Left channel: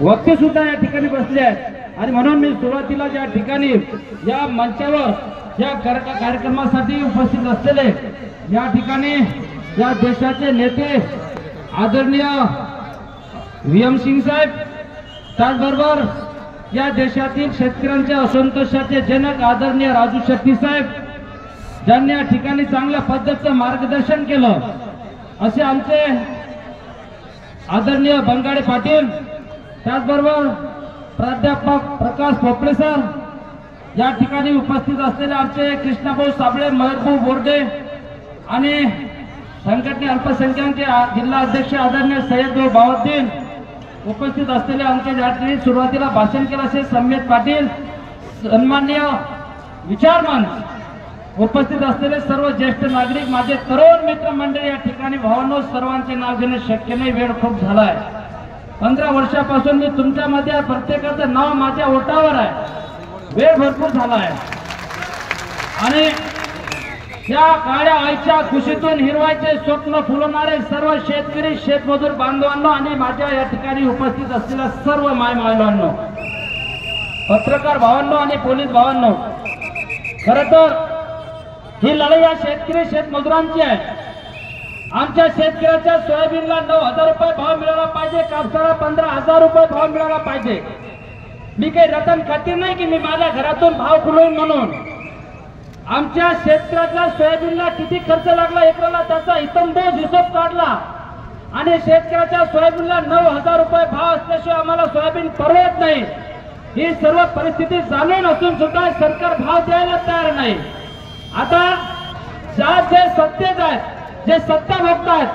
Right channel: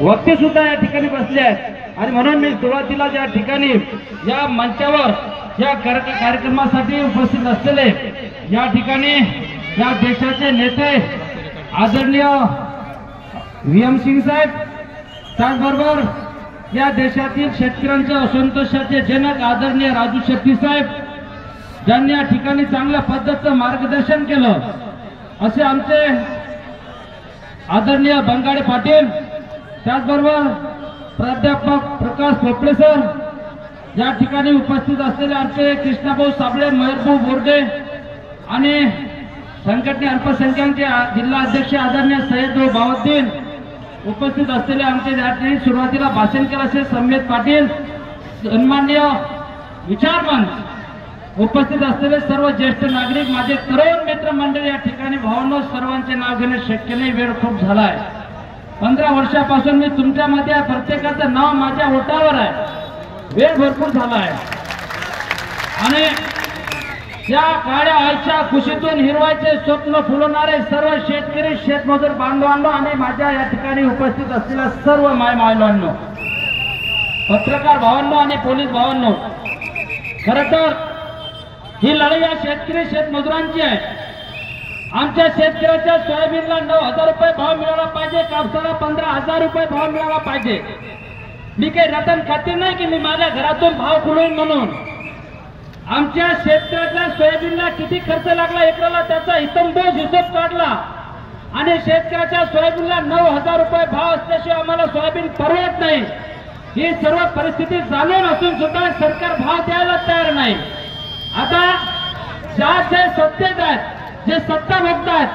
वक्ते सुद्धा या ठिकाणी बसले आहेत आणि म्हणून मी सुरुवातीला ज्या ठिकाणी या मंचावर या कार्यक्रमासाठी उपस्थित असलेले या ठिकाणी या देशाचे नेते आदरणीय VM सिंग साहेब, त्याचबरोबर या देशातील शेतकऱ्यांच्या असंतोषाचे जनक आदरणीय राजू शेट्टी साहेब, ज्यांनी या ठिकाणी चांगल्या पद्धतीचं मार्गदर्शन केलं, असे आमचे आदरणीय बंगाडे पाटील, त्याचबरोबर प्राध्यापक प्रकाश पोपळे सर, या ठिकाणी उपस्थित असलेले आमचे कृष्णाभाऊ साबळे, महेशभाऊ बोर्डे आणि संघटने अल्पसंख्याकांचे जिल्हा अध्यक्ष आदरणीय सय्यदभाऊ बावद्दीन, उपस्थित असलेले आमचे या ठिकाणी सुरुवातीला भाषण केलं असे समेत पाटील, सन्माननीय विचारमंच उपस्थित असलेले सर्व ज्येष्ठ नागरिक, माझे तरुण मित्रमंडळी, या ठिकाणी भावांनो सर्वांचे नाव घेणे शक्य नाही, वेळ खूप झाला आहे. 15 वर्षापासून मी तुमच्यामध्ये प्रत्येकाचं नाव माझ्या ओठावर आहे, वेळ भरपूर झाला आहे आणि या काळ्या आईच्या खुशीतून हिरवायचे स्वप्न फुलवणारे सर्व शेतकरी, शेतमजूर बांधवांनो आणि माझ्या या ठिकाणी उपस्थित असलेल्या सर्व मायमावांनो, पत्रकार भावांनो आणि पोलीस भावांनो, खरं तर ही लढाई या शेतकरी शेतमजुरांची आहे. आमच्या शेतकऱ्याच्या सोयाबीनला 9,000 रुपये भाव मिळाला पाहिजे, कापसाला 15,000 रुपये भाव मिळाला पाहिजे. मी काही रतन खातीर नाही की मी माझ्या घरातून भाव खुलवून म्हणून. आमच्या शेतकऱ्याच्या सोयाबीनला किती खर्च लागला एकराला त्याचा इतंबोज हिशोब काढला आणि शेतकऱ्याच्या सोयाबीनला 9,000 रुपये भाव असल्याशिवाय आम्हाला सोयाबीन परवडत नाही. ही सर्व परिस्थिती जाणून असून सुद्धा सरकार भाव द्यायला तयार नाही. आता जे सत्तेत आहेत, जे सत्ता भोगतात,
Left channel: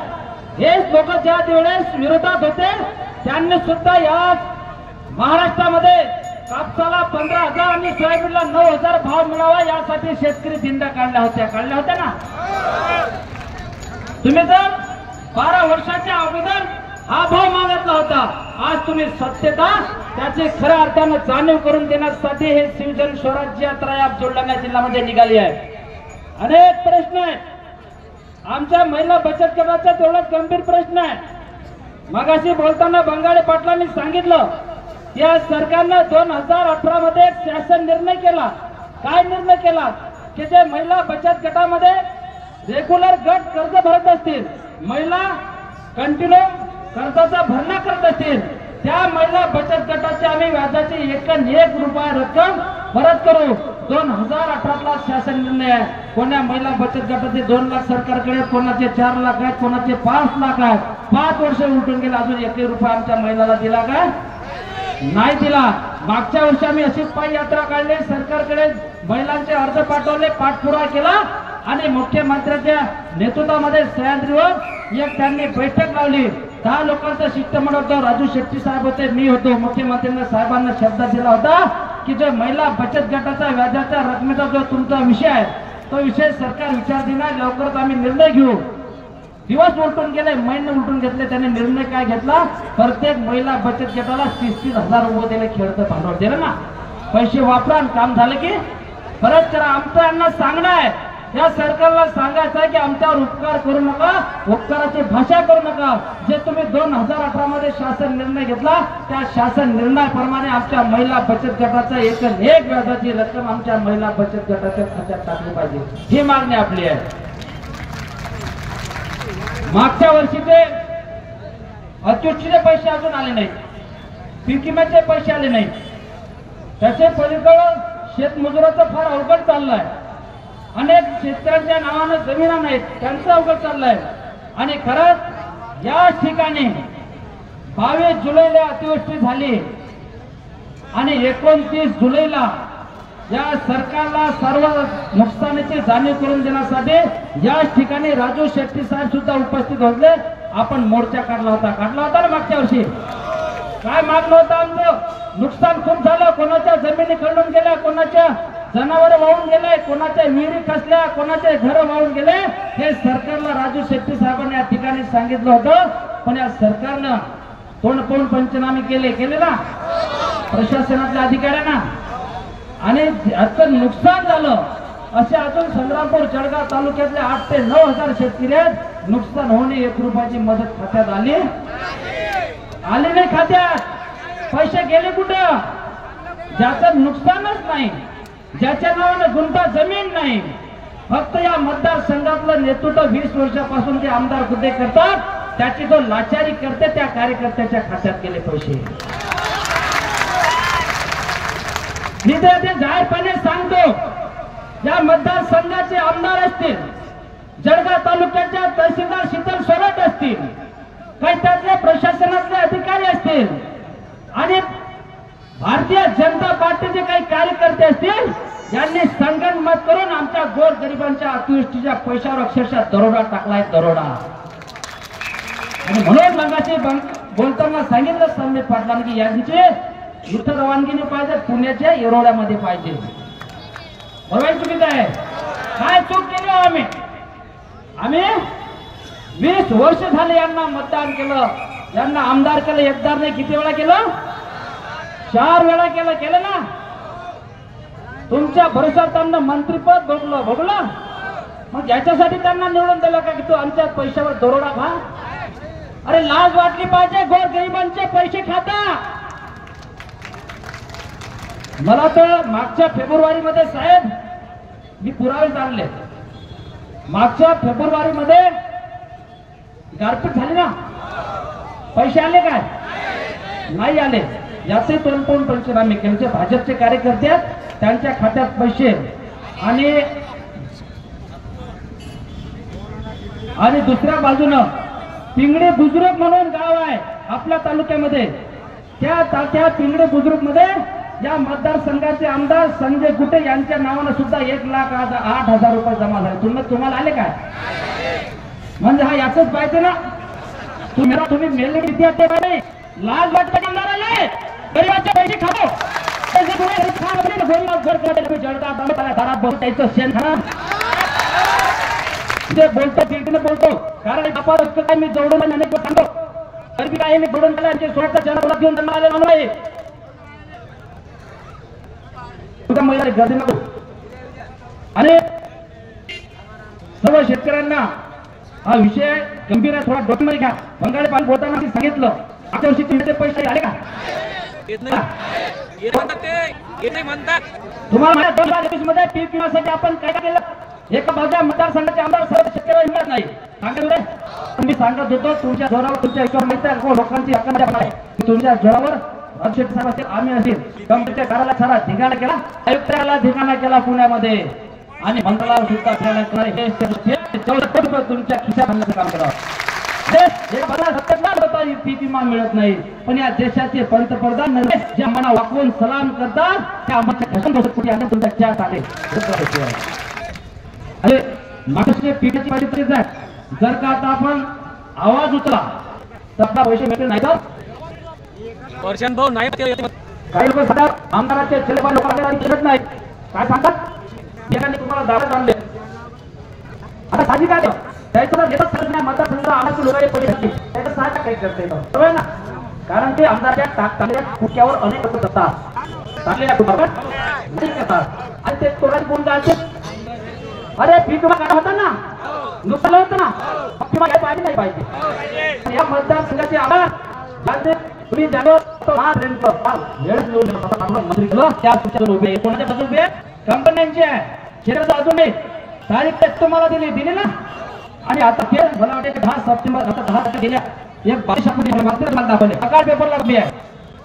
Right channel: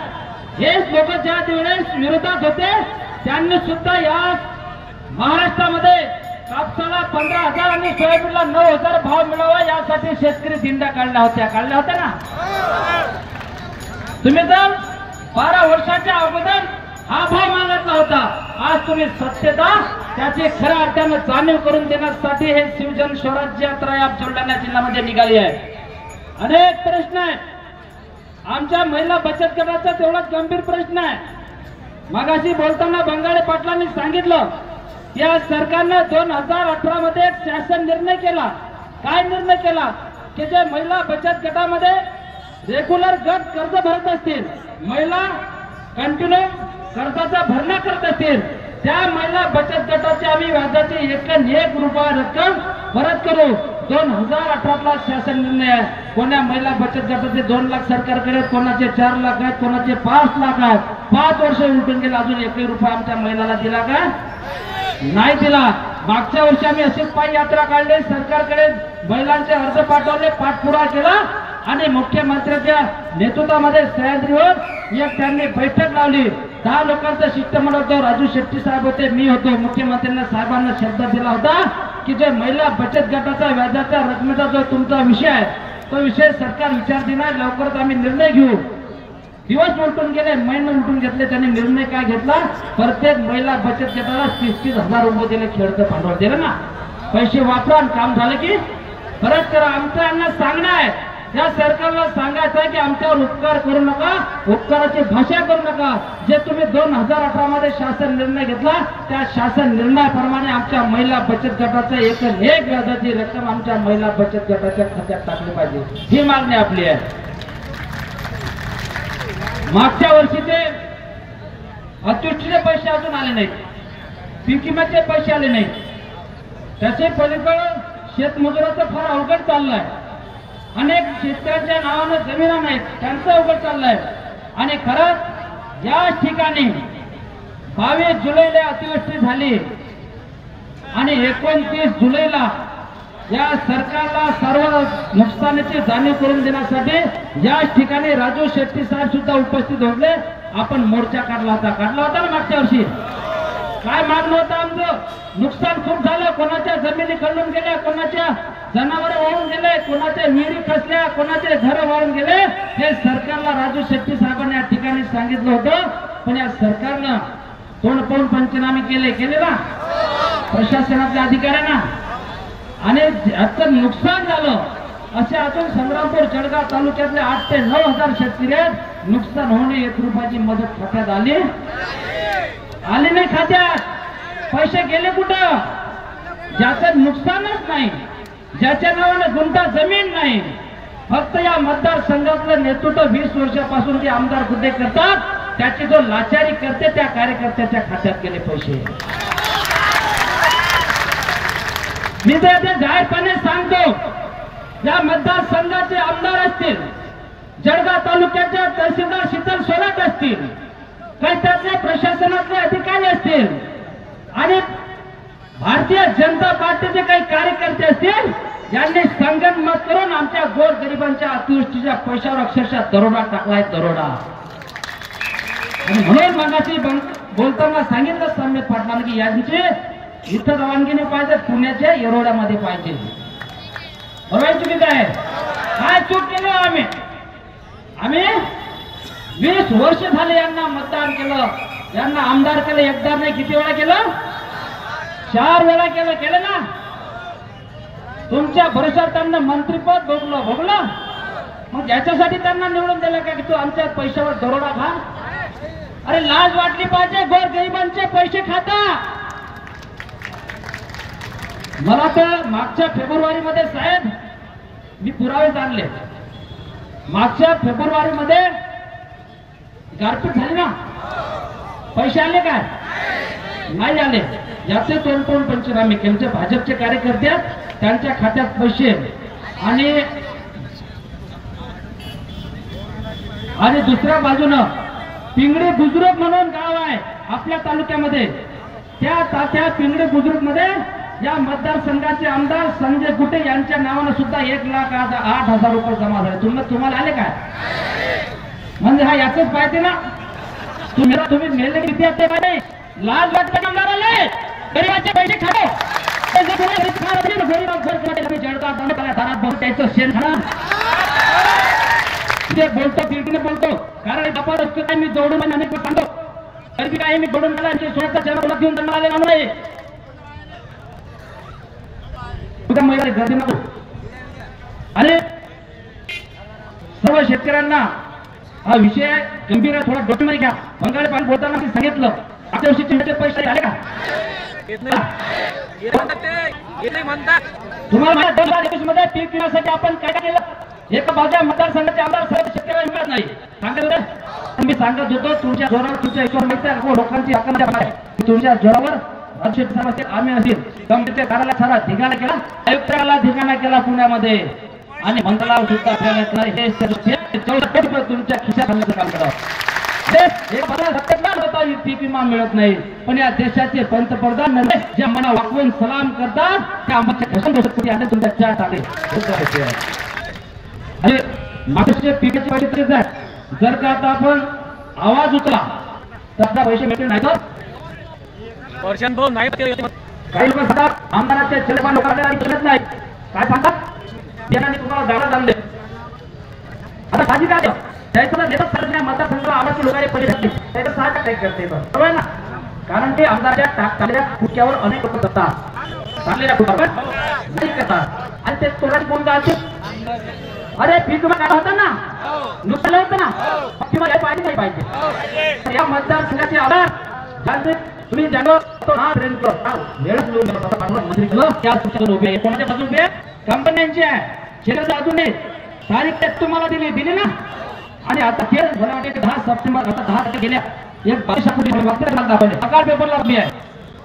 हेच लोक ज्या वेळेस विरोधात होते त्यांनी सुद्धा या महाराष्ट्रामध्ये कापसाला 15,000 आणि सोयाबीनला 9,000 भाव मिळावा यासाठी शेतकरी दिंड्या काढल्या होत्या ना. तुम्ही तर 12 वर्षाच्या अगोदर हा भाव मागितला होता. आज तुम्ही सत्तेत त्याची खऱ्या अर्थाने जाणीव करून देण्यासाठी हे शिवजन स्वराज्य यात्रा या बुलढाणा जिल्ह्यामध्ये निघाली आहे. अनेक प्रश्न आहेत. आमच्या महिला बचत गटाचा तेवढाच गंभीर प्रश्न आहे. मगाशी बोलताना बंगाडे पाटलांनी सांगितलं या सरकारने 2018 मध्ये एक शासन निर्णय केला. काय निर्णय केला की जे महिला बचत गटामध्ये रेग्युलर गट कर्ज भरत असतील, महिला कंटिन्यू कर्जाचा भरणा करत असतील, त्या महिला बचत गटाची आम्ही व्याजाची 1 रुपया रक्कम परत करू. 2018ला शासन निर्णय आहे. कोणा महिला बचत गटाचे 2 लाख सरकारकडे, कोणाचे 4 लाख आहेत, कोणाचे 5 लाख आहेत. 5 वर्ष उलटून गेले, अजून 1 रुपया आमच्या महिलाला दिला का? नाही दिला. मागच्या वर्षी आम्ही अशीच पायी यात्रा काढली, सरकारकडे महिलांचे अर्ज पाठवले, पाठपुरावा केला आणि मुख्यमंत्र्यांच्या नेतृत्वामध्ये सह्याद्रीवर एक त्यांनी बैठक लावली. 10 लोकांचं शिष्टमंडळ होतं. राजू शेट्टी साहेब होते, मी होतो. मुख्यमंत्र्यांनी साहेबांना शब्द दिला होता की जो महिला बचत गटाचा व्याजाच्या रकमेचा जो तुमचा विषय आहे तो विषय सरकार विचार देणार, लवकरच आम्ही निर्णय घेऊ. दिवस उलटून गेले, महिने उलटून घेतले. त्यांनी निर्णय काय घेतला? प्रत्येक महिला बचत गटाला 30,000 रुपये दिले, खेळतं भांडवल दिलं ना. पैसे वापरा आणि काम झालं की परत करा. आमचं यांना सांगणं आहे, या सरकारला सांगायचं आहे की आमच्यावर उपकार करू नका, उपकाराची भाषा करू नका. जे तुम्ही 2018 मध्ये शासन निर्णय घेतला त्या शासन निर्णयाप्रमाणे आमच्या महिला बचत गटाचा 1 व्याजाची रक्कम आमच्या महिला बचत गटाच्या खात्यात टाकली पाहिजे, ही मागणी आपली आहे. मागच्या वर्षी ते अतिवृष्टीचे पैसे अजून आले नाहीत, पीक विम्याचे पैसे आले नाहीत. त्याचे पलीकडे शेतमजुराचं फार अवघड चाललंय. अनेक शेतकऱ्यांच्या नावानं जमिना नाहीत, त्यांचं अवघड चाललंय. आणि खरंच या ठिकाणी 22 जुलैला अतिवृष्टी झाली आणि 29 जुलैला या सरकारला सर्व नुकसानीची जाणीव करून देण्यासाठी या ठिकाणी राजू शेट्टी साहेब सुद्धा उपस्थित होते. आपण मोर्चा काढला होता ना मागच्या वर्षी. काय मागणं होतं आमचं? नुकसान खूप झालं. कोणाच्या जमिनी खंडून गेल्या, कोणाच्या जनावर वाहून गेले, कोणाच्या विहिरी खचल्या, कोणाचे घर वाहून गेले. हे सरकारला राजू शेट्टी साहेबांनी या ठिकाणी सांगितलं होतं. पण या सरकारनं तोंड पाहून पंचनामे केले ना प्रशासनातल्या अधिकाऱ्यांना. आणि याचं नुकसान झालं. असे अजून संग्रामपूर जळगाव तालुक्यातले 8 ते 9 हजार शेतकरी नुकसान होणे 1 रुपयाची मदत खात्यात आली नाही खात्यात. पैसे गेले कुठं? ज्याचं नुकसानच नाही, ज्याच्या नावानं गुंठा जमीन नाही, फक्त या मतदारसंघातलं नेतृत्व 20 वर्षापासून ते आमदार कुठे करतात, त्याची जो लाचारी करते त्या कार्यकर्त्याच्या खात्यात गेले पैसे. मी ते जाहीरपणे सांगतो, या मतदारसंघाचे आमदार असतील, जळगाव तालुक्याच्या तहसीलदार शीतल सोरट असतील, काही त्यातल्या प्रशासनातले अधिकारी असतील आणि भारतीय जनता पार्टीचे काही कार्यकर्ते असतील, यांनी संगनमत करून आमच्या गोरगरिबांच्या अतिवृष्टीच्या पैशावर अक्षरशः दरोडा टाकलाय, दरोडा. आणि म्हणून मगाशी बोलताना सांगितलं संबित पाटलांनी की यांचे इथं रवानगी पाहिजे, पुण्याच्या येरोड्यामध्ये पाहिजे. बरोबर तुम्ही काय चूक केली? आम्ही 20 वर्ष झाले यांना मतदान केलं, यांना आमदार केलं. एकदा नाही, किती वेळा केलं? 4 वेळा केलं ना. तुमच्या भरोशावर त्यांना मंत्रीपद भोगलं. मग याच्यासाठी त्यांना निवडून दिलं का की तू आमच्या पैशावर दरोडा खा? अरे लाज वाटली पाहिजे, गोरगरिबांचे पैसे खाता. मला तर मागच्या फेब्रुवारीमध्ये साहेब मी पुरावे आणले. मागच्या फेब्रुवारीमध्ये गारपीट झाली ना, पैसे आले काय? नाही आले. याचे तोंड पंचनामे केले. भाजपचे कार्यकर्ते त्यांच्या खात्यात पैसे आणि दुसऱ्या बाजूनं पिंगळे बुजुर्ग म्हणून गाव आहे आपल्या तालुक्यामध्ये, त्या पिंगळे बुजुर्ग मध्ये या मतदारसंघाचे आमदार संजय गुटे यांच्या नावानं सुद्धा 1,08,000 रुपये जमा झाले. तुम्हाला आले काय? म्हणजे हा याच पाहिजे ना. तुम्ही मेले किती असते पाहिजे. लाज वाटत आमदाराले गरीबाचे पैसे खातो. बोलतो पिंकीने बोलतो, कारण आपण काय मी जोडून अनेक सांगतो, गरीबी काय मी जोडून स्वतः जनता घेऊन त्यांना आलेला नाही. गर्दी नको. आणि सर्व शेतकऱ्यांना हा विषय गंभीर आहे, थोडा डोक्यामध्ये घ्या. बंगाली पाणी बोलताना सांगितलं, आता वर्षी चिल्ड्रनचे पैसे आले का? तुम्हाला माझ्या 2021 मध्ये पीक विम्यासाठी आपण काय केलं? एका बाजूला मतदारसंघाचे आमदार सर्व शेतकऱ्यांना मिळत नाही. सांगत मी सांगत होतो, तुमच्या जोरावर तुमच्या ईश्वर मिळतात लोकांची हक्क तुमच्या जोरावर आम्ही असेल कमिटीच्या कार्यालयात सारा धिंगाणा केला, आयुक्ताला धिंगाणा केला पुण्यामध्ये, आणि मंत्रालयावर सुद्धा तुमच्या खिशात आणण्याचं काम करा. पीक विमा मिळत नाही, पण या देशाचे पंतप्रधान ज्या मना वाकवून सलाम करतात त्या आमच्या तुमच्या चहात आले. अरे मागचे पिकाची परिस्थिती आहे. जर का आता आपण आवाज उचला तर पैसे मिळते नाही तर वर्षान भाऊ नाही. काही लोक सांगतात आमदाराच्या चलमान लोकांना करत नाही. काय सांगतात? त्यांनी तुम्हाला दारात आणले. आता साधी काय त्याचं नेतृत्व करण्या मतदारसंघाला आमची लोकांनी पैसे घातले, त्याचं साहजिक काय करते बरोबर ना. कारण ते आमदारच्या टाकलेल्या कुटक्यावर अनेक लोक करतात, टाकलेल्या कुटक्यावर नाही करतात. आणि ते तोडाची कोण गाळते? अरे पीक विमा काय होतं ना, नुकसान होतं ना, किंवा काय पाहिजे नाही पाहिजे. या मतदारसंघाचे आमदार तुम्ही जाणो मंत्री त्या उभे कोणाच्या बाजू उभे? कंपन्यांची आहे. शेतकऱ्याच्या बाजूने तारीख तुम्हाला दिली ना. आणि आता मला वाटते 10 सप्टेंबर आता 10 तारखे गेल्या एक 22 कोटी दाखवले सकाळ पेपरला उभी आहे.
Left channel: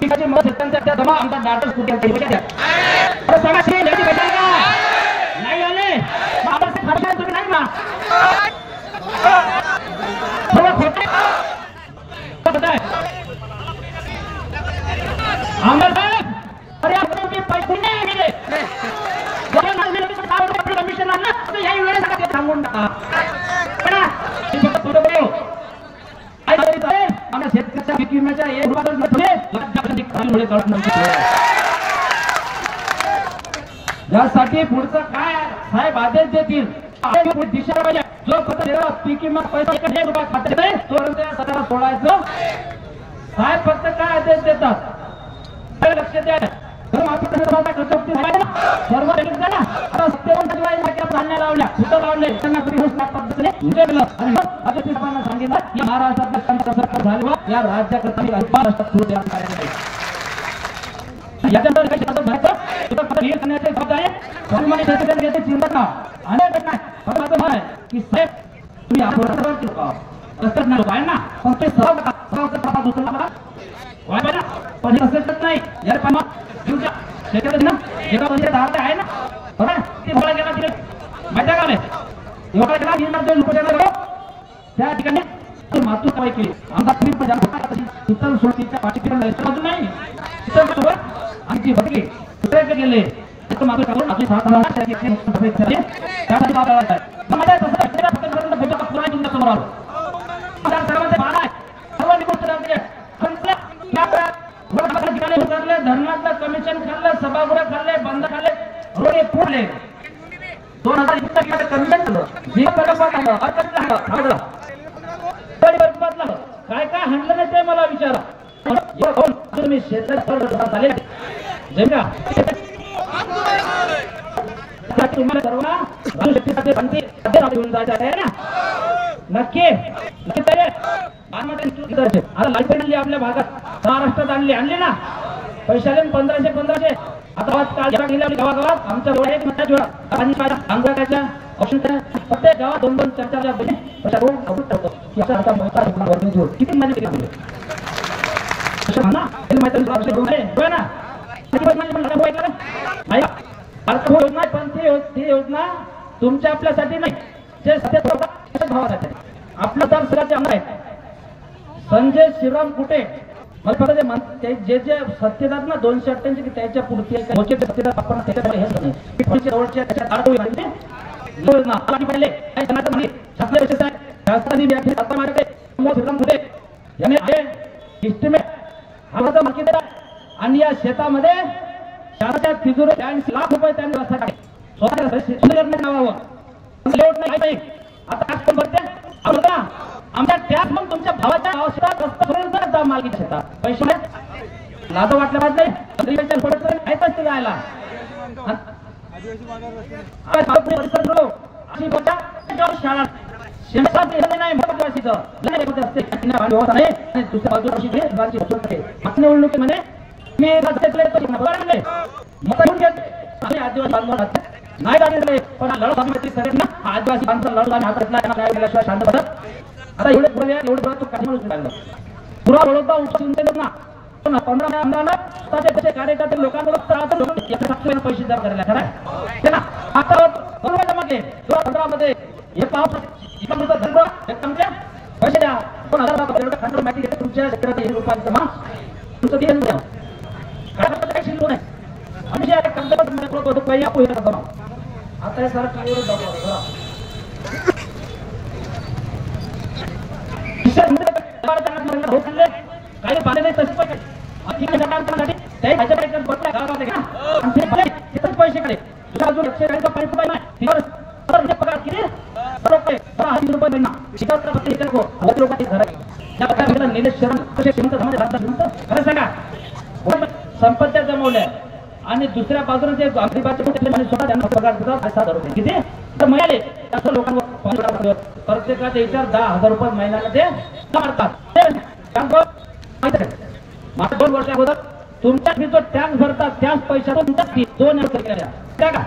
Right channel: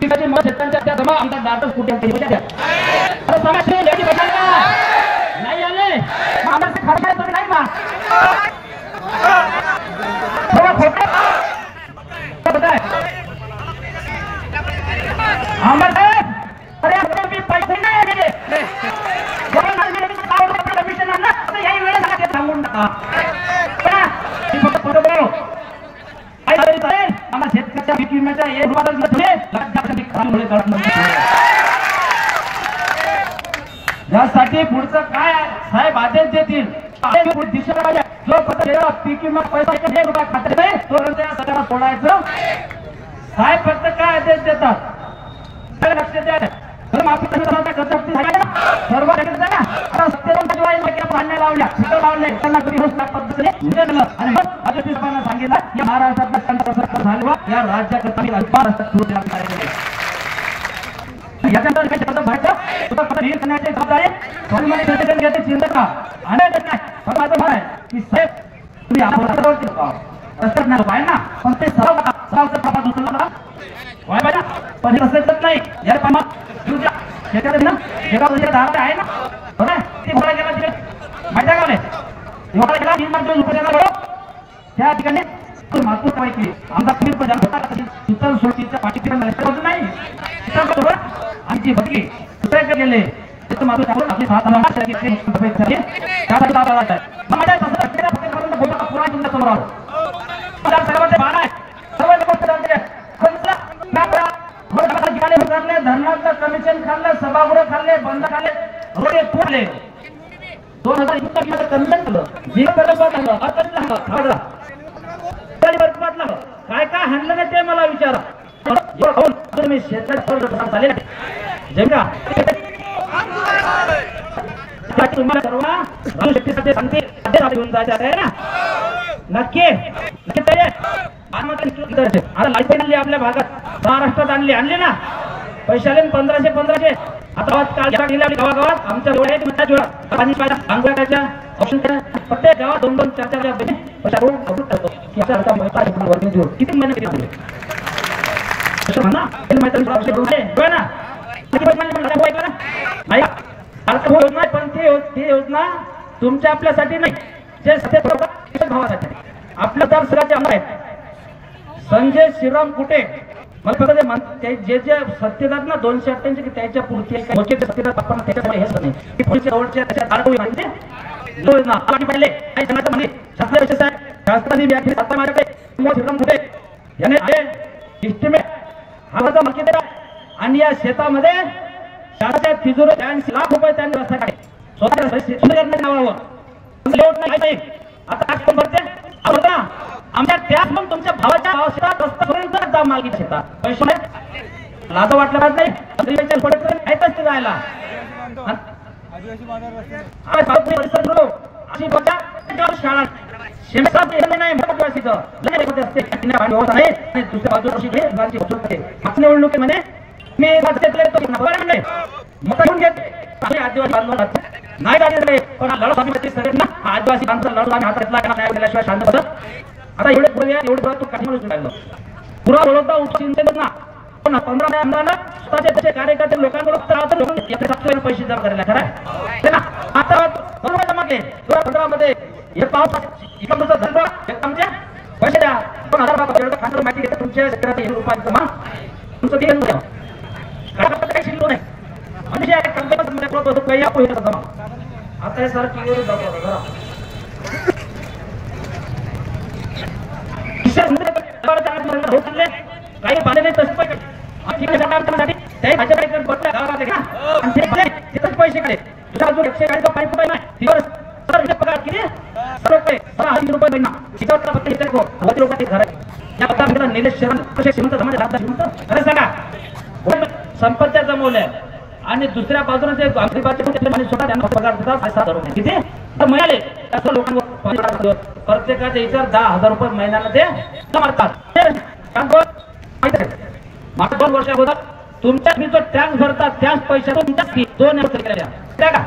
पिकाची मत शेतकऱ्यांच्या त्या जमा आमदार नाटक कुठे नाही आले नाही ना थोडा खोटे आमदार साहेब. अरे मी पैसे नाही गेले कमिशन आणलं याही वेळेस सांगून टाका. शेतकऱ्याच्या पीक विम्याच्या यासाठी पुढचं काय साहेब आदेश देतील दिशा पाहिजे. जो पीक विमा पैसा 1 रुपया खात्यात नाही तो सगळ्यांना सोडायचं. साहेब फक्त काय आदेश देतात लक्ष द्या. सर्व लावल्या तिथं लावले त्यांना पद्धतीने सांगितलं महाराष्ट्रात झालं या राज्याकरता महाराष्ट्रात याच्यानंतर काही शब्द व्हायचं तुला खबर रील करण्याची जबाबदारी स्वाभिमानी शेतकरी याची चिंता करा अनेक नाही पण माझं म्हणणं आहे की साहेब तुम्ही आपल्यावरती असतात ना आहे ना पण ते सर्व प्रमाणात उचलला मला व्हाय पाहिजे पण हे असंच नाही यार पण तुझ्या शेतकरी ना एका वर्षात धारते आहे ना बरं ती भरा गेला तिथे माहिती आहे का नाही एवढा गेला 3 लाख रुपये त्या ठिकाणी मातू काय केली आमचा फिर प्रधान होता शीतल सुरतीच्या पाठीकडे नाही शीतल आणि जी भटकी दुसऱ्याकडे गेले तर मातू टाकून आपली 7 लाख घेतले त्यासाठी बाबा जात आहे माझ्या तसं फक्त फोटो पुन्हा तुमच्या समोर आलो मला सर्वांचे भान आहे सर्वांनी गोष्ट सांगते ठिकाणी उतरले धरणातलं कमिशन खाल्लं सभागृह खाल्ले बंद खाल्ले रोडे फोडले 2021 मध्ये कमिशन केलं जीव बरोबर झालं अर्थच झालं काय काय हाणलं नाही ते मला विचारा तुम्ही शेतात झाले जेव्हा तुम्हाला सर्व शेतीसाठी सांगते घेऊन जायचं आहे ना नक्की नक्की आता लाईट आणली आपल्या भागात महाराष्ट्रात आणली ना पैसे आले 1500 आता काल गेल्या गावागावात आमच्या आंघोळ्याच्या ऑप्शन प्रत्येक गावात 2-2 4-4 पैसा किती महिने केले पण ती योजना तुमच्या आपल्यासाठी नाही जे भावासाठी आपल्या दारसराचे आमदार आहेत संजय श्रीराम कुटे मला फक्त जे जे सत्तेदार ना 288 की त्याच्या पुढची सत्तेदार आपण त्याच्यामुळे हेच नाही की पुढच्या जवळच्या त्याच्यात अडकवली माहिती योजना आधी पडले आणि त्यांना म्हणे शास्त्रीय विशेष आहे शास्त्राने व्याख्या आता माझ्याकडे श्रीराम कुटे याने एस्टिमेट हा मार्केट आणि या शेतामध्ये शाळेच्या तिजोरी 80 लाख रुपये त्यांनी रस्ता काढले स्वतः सुधारण्याच्या नावावर आता आज कोण भरते आमच्या त्याच मग तुमच्या भावाच्या शेतात रस्त्यापर्यंत जा मालकी शेतात पैसे लाज वाटलं नाही ऐकच ते जायला शाळा दुसऱ्या बाजूला निवडणुकीमध्ये मी आदिवासी बांधव नाही झाले पण लढत आदिवासी बांधव लढत आणि हातातला शांत बसत आता एवढे पुढे तू काही राहिलो पुरा बोलवता उपचिंतेत ना पण 15 आमदारांना स्वतःचे कार्यकर्ते लोकांकडून पैसे जमा करायला खरं ना आता बरोबर जमाले 2015 मध्ये हे आमच्या पैसे द्या 2000 खांडर माहिती घेते तुमच्या शेतकऱ्याचे ₹1 जमा तुमचं देऊन द्या काही शिकलो नाही आणि आता हे सर टीव्हीवर जातो काही पाहिजे तसे पैसे कडे पगार किती ₹10,000 महिना निलेश शरण कसे अरे सांगा संपत्त्या जमवल्या आणि दुसऱ्या बाजूला जे पगार देतात ₹7,000 किती तर मिळाले असं लोकांवर प्रत्येकाचे इतर ₹10,000 महिन्याला ते मारतात मागच्या 2 वर्ष अगोदर तुमच्या जो टॅक्स भरतात त्याच पैशातून 2 केल्या का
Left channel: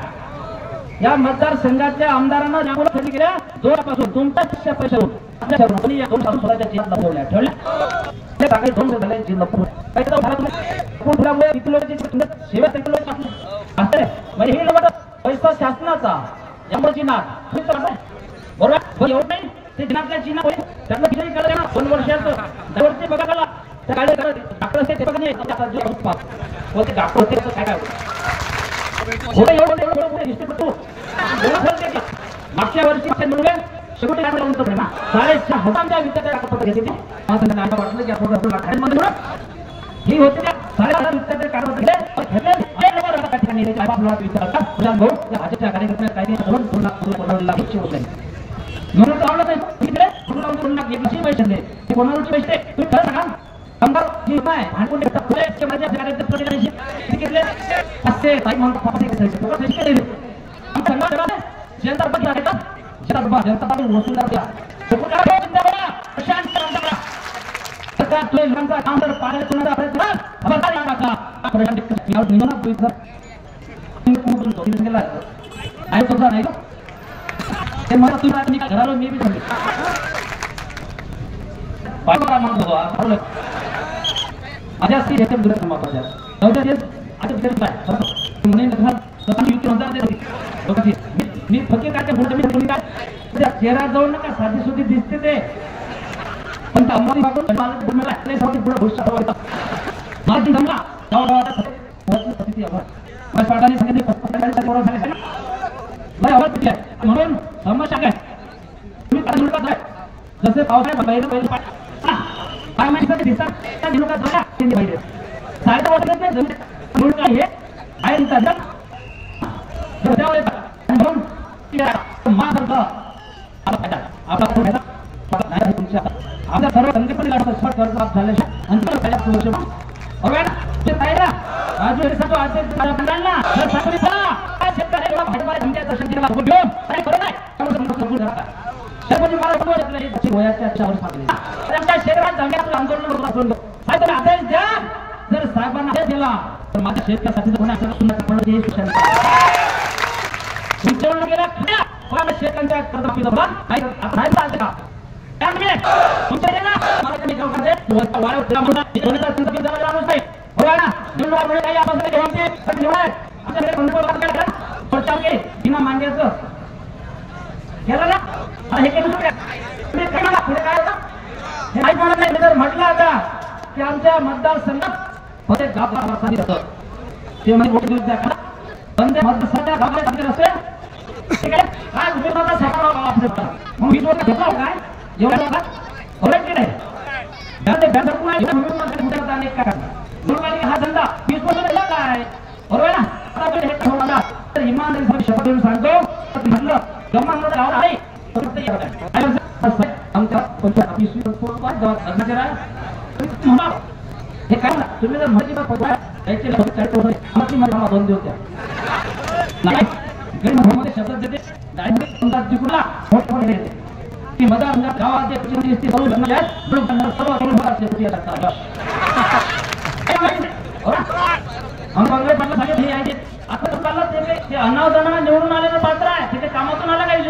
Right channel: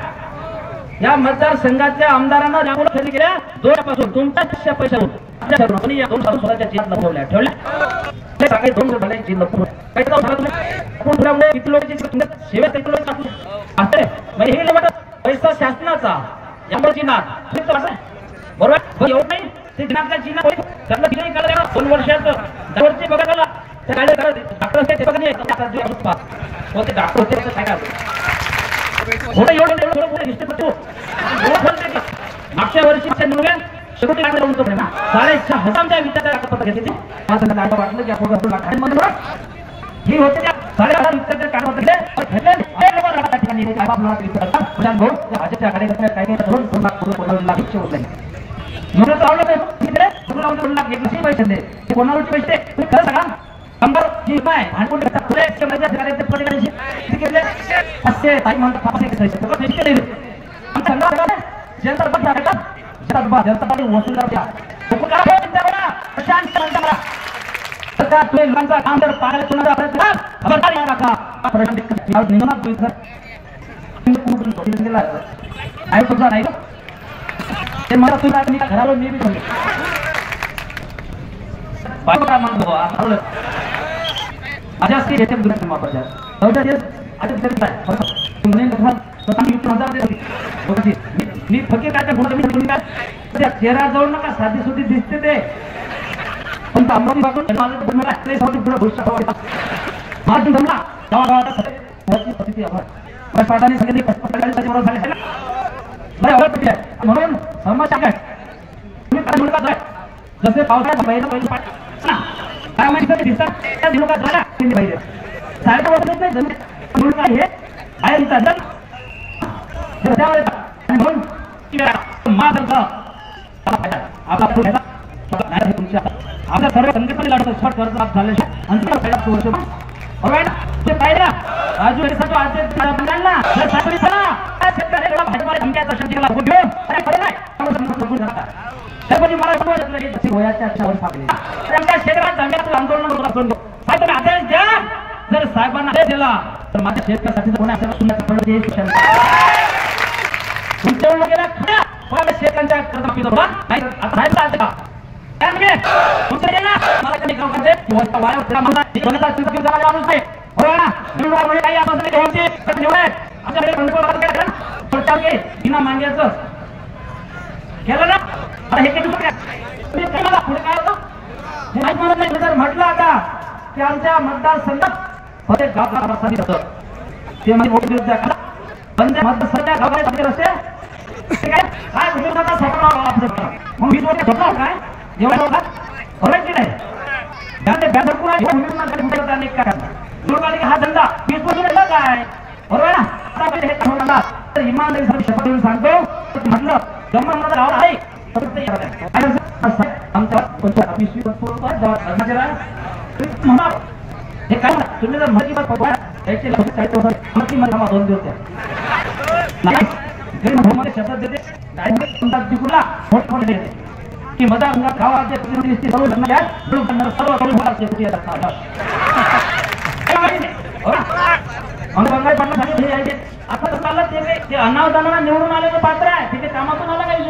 या मतदारसंघातल्या आमदारांना ज्यामुळे खरेदी केल्या 2 पासून तुमच्या पैशातून या 2 स्वतःच्या चिन्हात ठेवल्या ते सांगाय 2 झाले चिन्ह काही झाला तुम्ही किती लोकांची सेवेत असते म्हणजे हे पैसा शासनाचा यामुळे चिन्हात बरोबर एवढं नाही ते चिन्हातल्या चिन्ह त्यांना किती काढला 2 वर्षाचं दरवर्षी बघा झाला त्या काढले डॉक्टर असते ते बघा नाही होते डॉक्टर होते काय काय मागच्या वर्षी शेवटी ना 6,500 विद्यार्थ्या घेतले ही होते लोकांचा काम जर पाहायला आहे तुझा नाही ते मला तुला मी घरावर मी बी बाबा म्हणतो माझ्या स्त्री येते दुसऱ्या महत्वाच्या चौथ्या दिवस आता तरी काय म्हणून मी फकीर काय बोलतो काय चेहरा जाऊन नका साधी सुधी दिसते ते पण अमरावती बागून माझं भविष्य माझी जमला पाठाने सांगितले म्हणून समस्या काय तुम्ही काय म्हणतात जसे पावसाळ्यात पहिलं काय माहिती दिसतात त्या दिवसात झाला पाहिजे साडे वर्ष काय हे आहे त्यावेळेस म्हणून आपल्या सर्व संघटना लढतो शॉर्ट कर्ज झाले राजू जर साहेबांना दिला तर माझ्या शेतकऱ्यासाठी शेतकऱ्यांच्या बिना मांग्याचं केलं ना हे पुढे काय होतं जर म्हटलं आता ते आमच्या मतदारसंघात होते गाव ते म्हणजे मतदारसंघ रस्ते काय उद्योगाचा सफा म्हणून ही जोडे घेतला काय एवढा की नाही हा धंदा 20 वर्ष झाला काय बरोबर ना तर इमानदारी शपथ सांगतो म्हटलं जमणार गाव आहे आमच्या पंचायत हे काय तुम्ही जर माहिती दोन दिवस मध्ये शब्द देते की मदा गावात अनावदानाला निवडून आलेलं पात्र आहे त्याच्या कामातून आला काही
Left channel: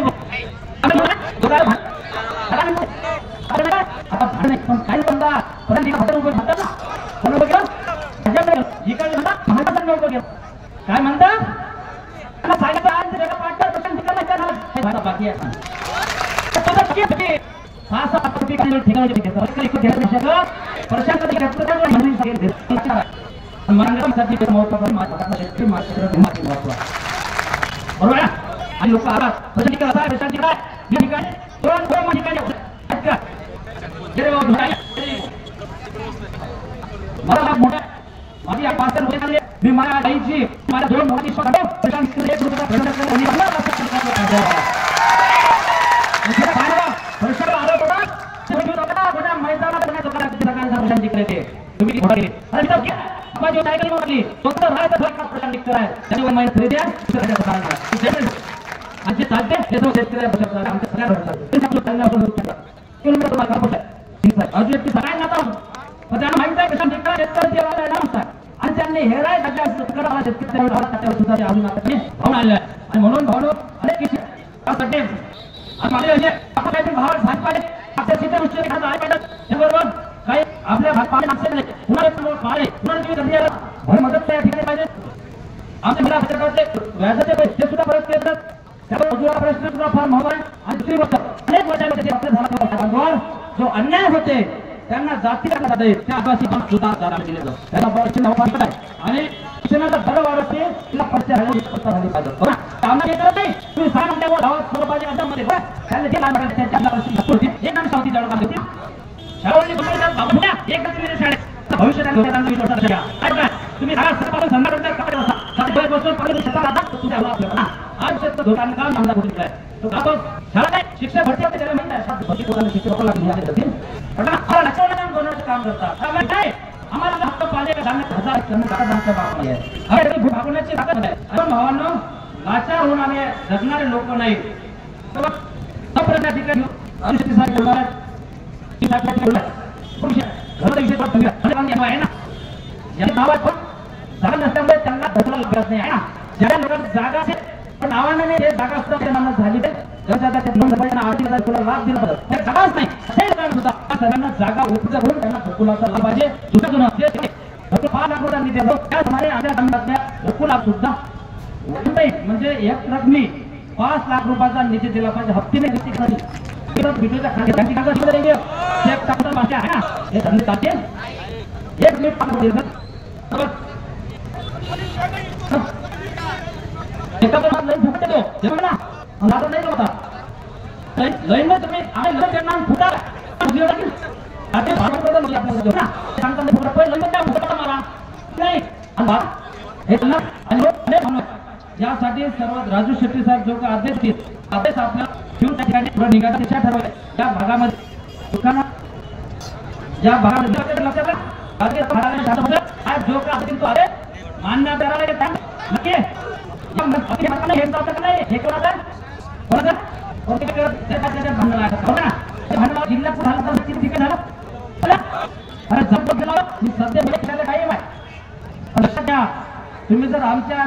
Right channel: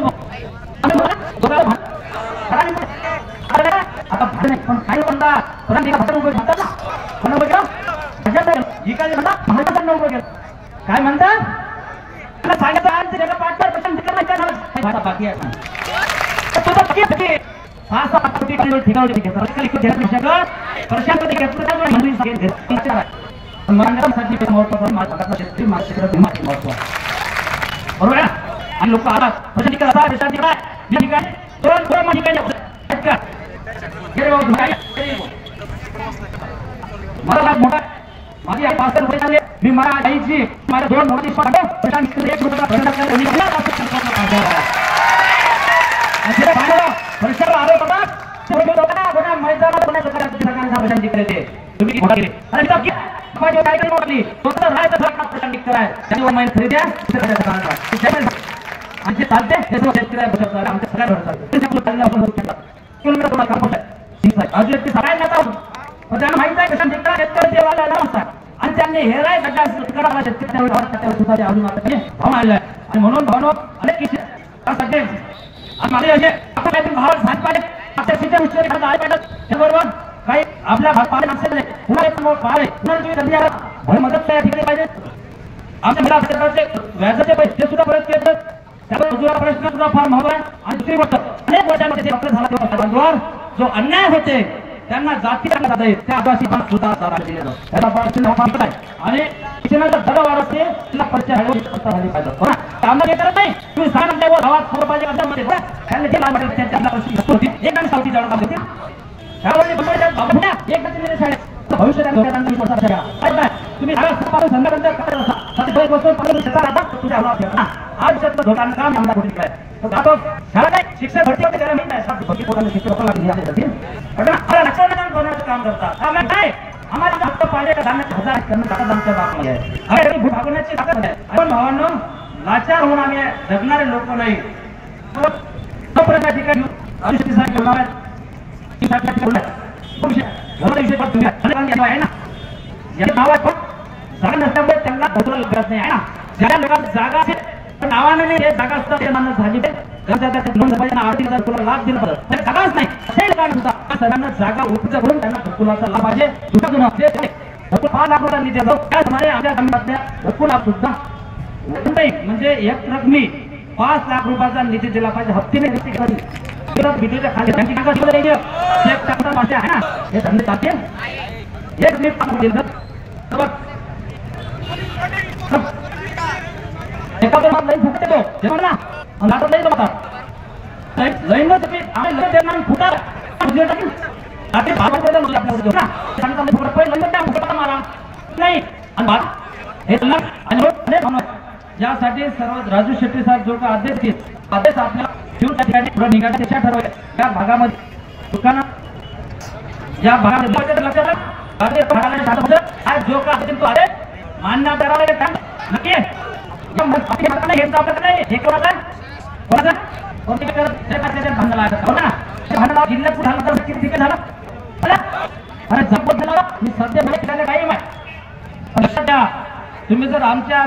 आता भाडे पण काही म्हणतात काय म्हणतात बाकी आहे बरोबर आणि लोक आला मला मोठा माझी आई 5 वर्ष झाले मी माझ्या आईची माझ्या 2 मुलांची आणि त्यांनी हे राय म्हणून भावनो अनेक त्यासाठी काही आपल्या मदत पाहिजे आमच्या व्याजाचे पैसे सुद्धा परत केले प्रश्न सुद्धा फार महत्व आहे आणि दुसरी गोष्ट अनेक वर्षांमध्ये जो अन्याय होते त्यांना जाती त्या आदिवासी पण सुद्धा दिले जातो आणि शिक्षणाचा दर वाढवते तिला पर्चा झाली पाहिजे आम्हाला करत नाही तुम्ही सांगा गावात सर्व पाहिजे अड्ड्यामध्ये भविष्य तुम्ही शिक्षक भरती काम करतात आम्हाला हक्क पाहिजे भागवण्याची ताकद आहे आपण भावांनो लाचार होणारे जगणारे लोक नाही ठिकाणी नाव आहे पण असल्यामुळे त्यांना ढकलून गरज नाही आहे ना. ज्या लोकांना जागा आहे पण नावाने नाही हे जागा असतात ते मान्य झाली पाहिजे. तुला लाभ दिला पाहिजे जागाच नाही असे कारण सुद्धा सर्वांना जागा उपलब्ध करून त्यांना घरकुलाचा लाभ पाहिजे. दुसरं 5 लाख रुपये निधी त्याप्रमाणे आमच्या गावातल्या घरकुला सुद्धा म्हणजे एक रकमी 5 लाख रुपयाचा निधी दिला पाहिजे. हप्तीने भिडूच्या खाली चेक टाकता भाषा आहे ना हे धंदे टाकेल एक मी यासाठी सर्व राजू शेट्टी साहेब जो का आदेश आपल्याला घेऊन त्या ठिकाणी पुढे निघाला त्याच्या ठरवल्या त्या भागामध्ये दुकानं ज्या भागामध्ये लक्षात आज जो का तो अरे मान्य करायला येत नक्की हे कोणाचा भांडण जिल्ह्यात कुठे झालं अरे जपून झाला मी सध्या काही सध्या तुम्ही जर आमच्या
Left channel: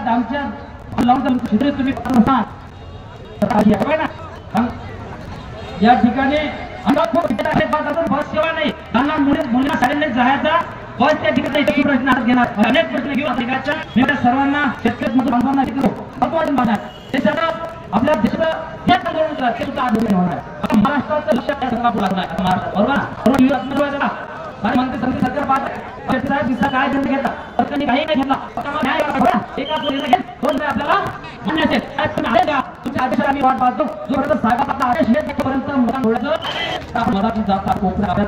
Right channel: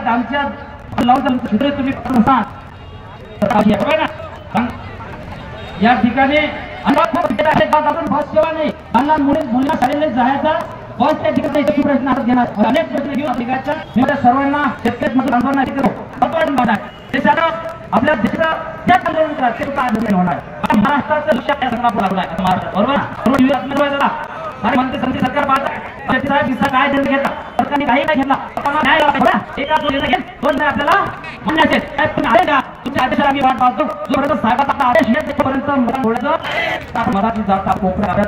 तुम्ही या ठिकाणी बस सेवा नाही लहान मुलींना शाळेला जायचा बस त्या ठिकाणी प्रश्न हातात घेणार अनेक प्रश्न घेऊन सर्वांना शेतकरी बांधणार ते सगळं आपल्या देशाचं होणार महाराष्ट्राचं लक्ष संघापूर लागणार बरोबर आणि म्हणते संधी सरकार पाहत काय निर्णय घेतला सरकारने काही नाही घेतला न्याय एका दोन आपल्याला म्हणण्याचे तुमच्या आदेशाला आम्ही वाट पाहतो जोपर्यंत साहेबात आपला आदेश येत तोपर्यंत मराठी जात कोकणाचा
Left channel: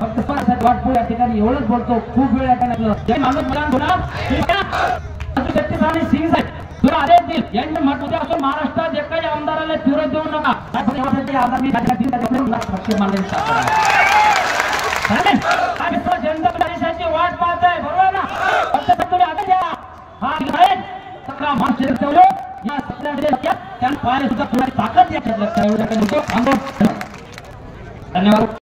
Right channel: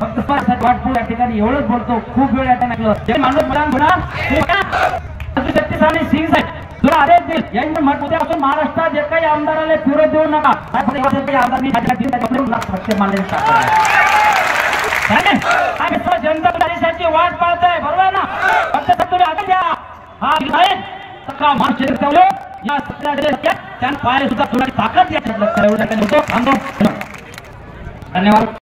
फक्त वाटतो या ठिकाणी एवढंच बोलतो खूप वेळ या ठिकाणी माणूस सिंग साहेब तुला आदेश देईल यांनी उद्यापासून महाराष्ट्रात जे काही आमदाराला फिरत देऊ नका जनता देशाची वाट पाहत आहे बरोबर ना फक्त तुम्ही आता द्या हा त्यांना पाय सुद्धा थोडी ताकद धन्यवाद.